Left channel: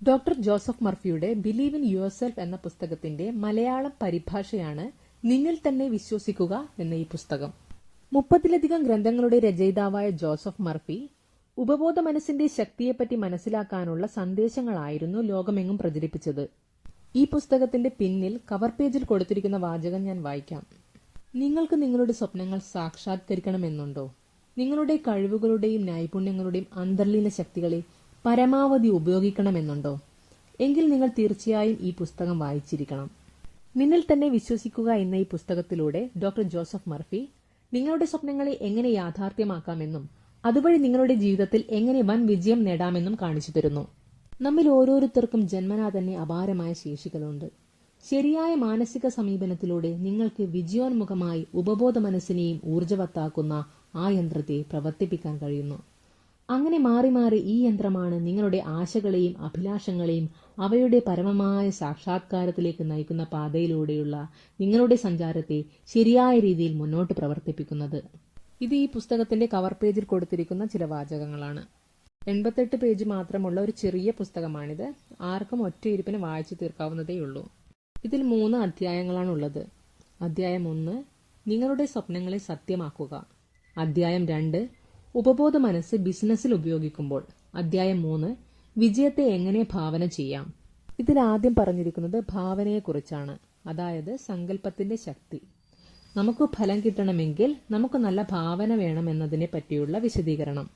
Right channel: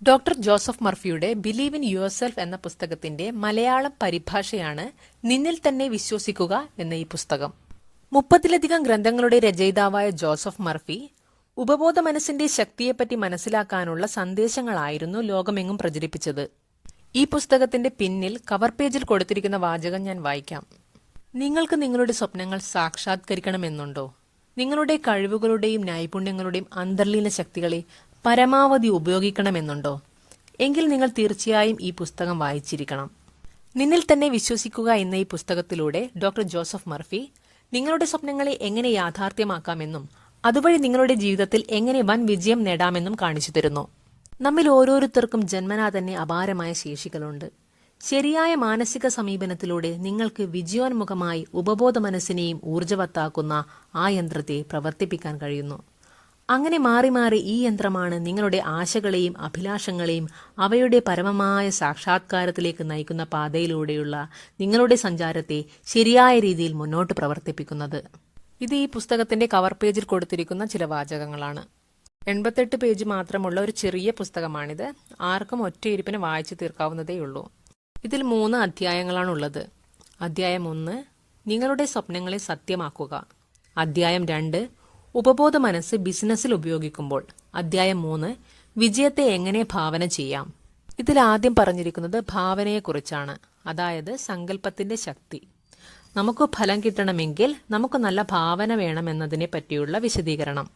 Doctor Joseph മർഫിയുടെ believe in yourself എന്ന പുസ്തകത്തിന്റെ മലയാളം പരിഭാഷയാണ് നിന്നിൽ തന്നെ വിശ്വസിക്കുക എന്ന ഈ പുസ്തകം. 30-ലധികം ഗ്രന്ഥങ്ങളുടെ രചയിതാവായ ജോസഫ് മർഫി ഉപബോധ മനസ്സിന്റെ ശക്തിയെപ്പറ്റി മനസ്സിലാക്കാനുള്ള സന്ദേശങ്ങളായിരുന്നു ലോകമെങ്ങും പ്രചരിപ്പിച്ചത്. ഈ പുസ്തകത്തിന്റെ പിന്നിൽ കവർ പേജിൽ കൊടുത്തിരിക്കുന്ന വാചകം ഞാൻ വായിക്കാം. നിങ്ങൾക്ക് നിങ്ങളുടെ സ്വപ്നങ്ങൾ സാക്ഷാത്കരിക്കണമെന്നുണ്ടോ? നിങ്ങളുടെ കഴിവുകളുടെയും നൈപുണ്യങ്ങളുടെയും അന്തർലീന ശക്തികളെ പരമാവധി ഉപയോഗിക്കണമെന്നുണ്ടോ? എങ്കിൽ നിങ്ങൾ തീർച്ചയായും ഈ പുസ്തകം വായിച്ചിരിക്കണം. നിന്നിൽ തന്നെ വിശ്വസിക്കുക എന്ന ഈ പുസ്തകത്തിലൂടെ ഡോക്ടർ ജോസഫ് മർഫി നിങ്ങളുടെ സ്വപ്നങ്ങളെ എങ്ങനെ യാഥാർത്ഥ്യമാക്കാമെന്നും അതുവഴി നിങ്ങളുടെ ജീവിതത്തിൽ എങ്ങനെ വൻ വിജയം നേടാമെന്നും കാണിച്ചു തരുന്നു. നമ്മിൽ ഓരോരുത്തർക്കും ജന്മനാ തന്നെ അപാരമായ ശേഷികളുണ്ട്. ശരിയായ മാനസിക സമീപനത്തിലൂടെ നിങ്ങൾക്ക് വിജയോന്മുഖമായി ഉപബോധ മനസ്സിനെയും ഊർജ്ജവത്താക്കുന്ന ആ യന്ത്രത്തെ പ്രവർത്തിപ്പിക്കാൻ കഴിയുന്നു. അങ്ങനെ മാറി മാറി ഈ യന്ത്രമാണ് നിങ്ങളുടെ ആശകളെയും അഭിലാഷങ്ങളെയും അവയുടെ പരമമായ സാക്ഷാത്കാരത്തിലേക്ക് നയിക്കുന്ന പാതയിലൂടെയുള്ള നിങ്ങളുടെ സഞ്ചാരത്തെ ശരിയായ രീതിയിൽ മുന്നോട്ട് പ്രവർത്തിപ്പിക്കുന്നത്. ഇത് ഈ പുസ്തകത്തിന്റെ കവർ പേജിൽ കൊടുത്തിരിക്കുന്ന ചില വാചകങ്ങളാണ്. 88 പേജ് മാത്രമുള്ള ഒരു ചെറിയ പുസ്തകമാണിത്. ആർക്കും ഒറ്റയിരിപ്പിന് വായിച്ചു തീർക്കാവുന്നതേയുള്ളൂ. ഇതിൽ 3 അധ്യായങ്ങളാണുള്ളത്. അധ്യായം 1 നിങ്ങളുടെ സ്വപ്നങ്ങളെ സത്യമാക്കുക. അധ്യായം 2 ഉപബോധ മനസ്സ് ബിസിനസ്സിൽ ഉപയോഗിക്കുമ്പോൾ. അധ്യായം 3 വിജയത്തെ എങ്ങനെ ഭാവന ചെയ്യാം. ഇതിൽ ആദ്യം പറഞ്ഞിരിക്കുന്നത് ഭാവനയെക്കുറിച്ചാണ്, അതായത് സങ്കല്പത്തിന്റെ ശക്തി. നമുക്ക് ഫലം കിട്ടണമെങ്കിൽ നമുക്ക് നല്ല ഭാവന വേണമെന്നതിനെ പറ്റിയുള്ള വിശദീകരണം.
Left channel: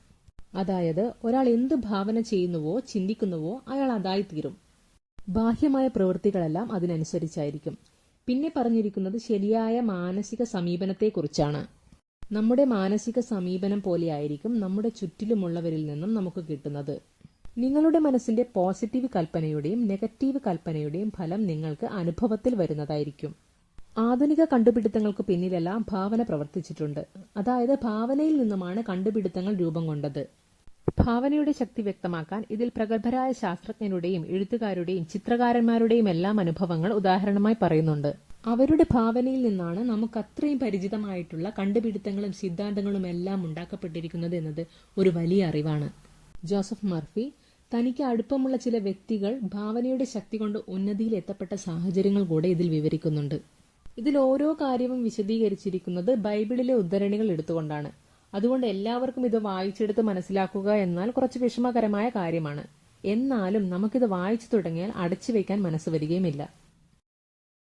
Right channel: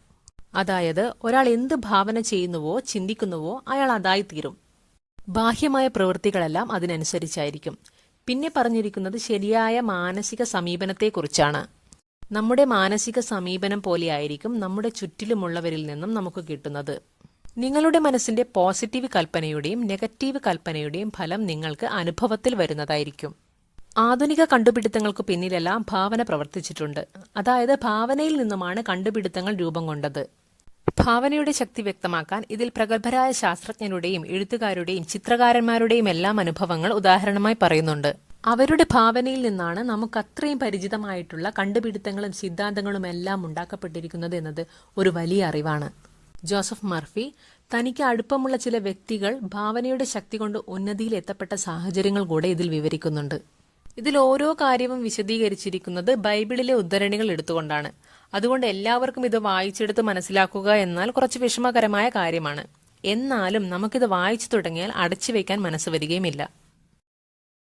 അതായത് ഒരാൾ എന്ത് ഭാവന ചെയ്യുന്നുവോ ചിന്തിക്കുന്നുവോ അയാൾ അതായിത്തീരും. ബാഹ്യമായ പ്രവൃത്തികളെല്ലാം അതിനനുസരിച്ചായിരിക്കും. പിന്നെ പറഞ്ഞിരിക്കുന്നത് ശരിയായ മാനസിക സമീപനത്തെക്കുറിച്ചാണ്. നമ്മുടെ മാനസിക സമീപനം പോലെയായിരിക്കും നമ്മുടെ ചുറ്റിലുമുള്ളവരിൽ നിന്നും നമുക്ക് കിട്ടുന്നത്. നിങ്ങളുടെ മനസ്സിന്റെ പോസിറ്റീവ് കൽപ്പനയുടെയും നെഗറ്റീവ് കൽപ്പനയുടെയും ഫലം നിങ്ങൾക്ക് അനുഭവത്തിൽ വരുന്നതായിരിക്കും. ആധുനിക കണ്ടുപിടുത്തങ്ങൾക്ക് പിന്നിലെല്ലാം ഭാവന പ്രവർത്തിച്ചിട്ടുണ്ട്. അതായത് ഭാവനയിൽ നിന്നുമാണ് കണ്ടുപിടുത്തങ്ങൾ രൂപം കൊണ്ടത്. ഭാവനയുടെ ശക്തി വ്യക്തമാക്കാൻ ഇതിൽ പ്രഗത്ഭരായ ശാസ്ത്രജ്ഞരുടെയും എഴുത്തുകാരുടെയും ചിത്രകാരന്മാരുടെയും എല്ലാം അനുഭവങ്ങൾ ഉദാഹരണമായി പറയുന്നുണ്ട്. അവരുടെ ഭാവനയിൽ നിന്നാണ് നമുക്ക് അത്രയും പരിചിതമായിട്ടുള്ള കണ്ടുപിടുത്തങ്ങളും സിദ്ധാന്തങ്ങളും എല്ലാം ഉണ്ടാക്കപ്പെട്ടിരിക്കുന്നത് എന്നത് ഒരു വലിയ അറിവാണ്. ജോസഫ് മർഫി തനിക്ക് അടുപ്പമുള്ള ചില വ്യക്തികൾ ഭാവനയുടെ ശക്തി കൊണ്ട് ഉന്നതിയിൽ എത്തപ്പെട്ട സാഹചര്യങ്ങൾ കൂടെ ഇതിൽ വിവരിക്കുന്നുണ്ട്. ഇതിൽ ഓരോ കാര്യവും വിശദീകരിച്ചിരിക്കുന്നത് ബൈബിളിലെ ഉദ്ധരണികൾ എടുത്തുകൊണ്ടാണ്. അതുകൊണ്ട് എല്ലാവർക്കും ഇത് വായിച്ചെടുത്ത് മനസ്സിലാക്കുക എന്നാൽ കുറച്ച് വിഷമകരമായ കാര്യമാണ്. എന്നാലും നമുക്കിത് വായിച്ചു തുടങ്ങിയാൽ അടച്ചു വയ്ക്കാൻ മനസ്സ് വരികയുമില്ല.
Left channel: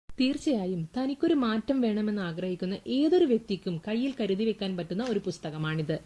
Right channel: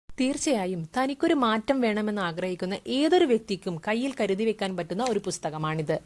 തീർച്ചയായും തനിക്കൊരു മാറ്റം വേണമെന്ന് ആഗ്രഹിക്കുന്ന ഏതൊരു വ്യക്തിക്കും കയ്യിൽ കരുതി വെക്കാൻ പറ്റുന്ന ഒരു പുസ്തകമാണിത്.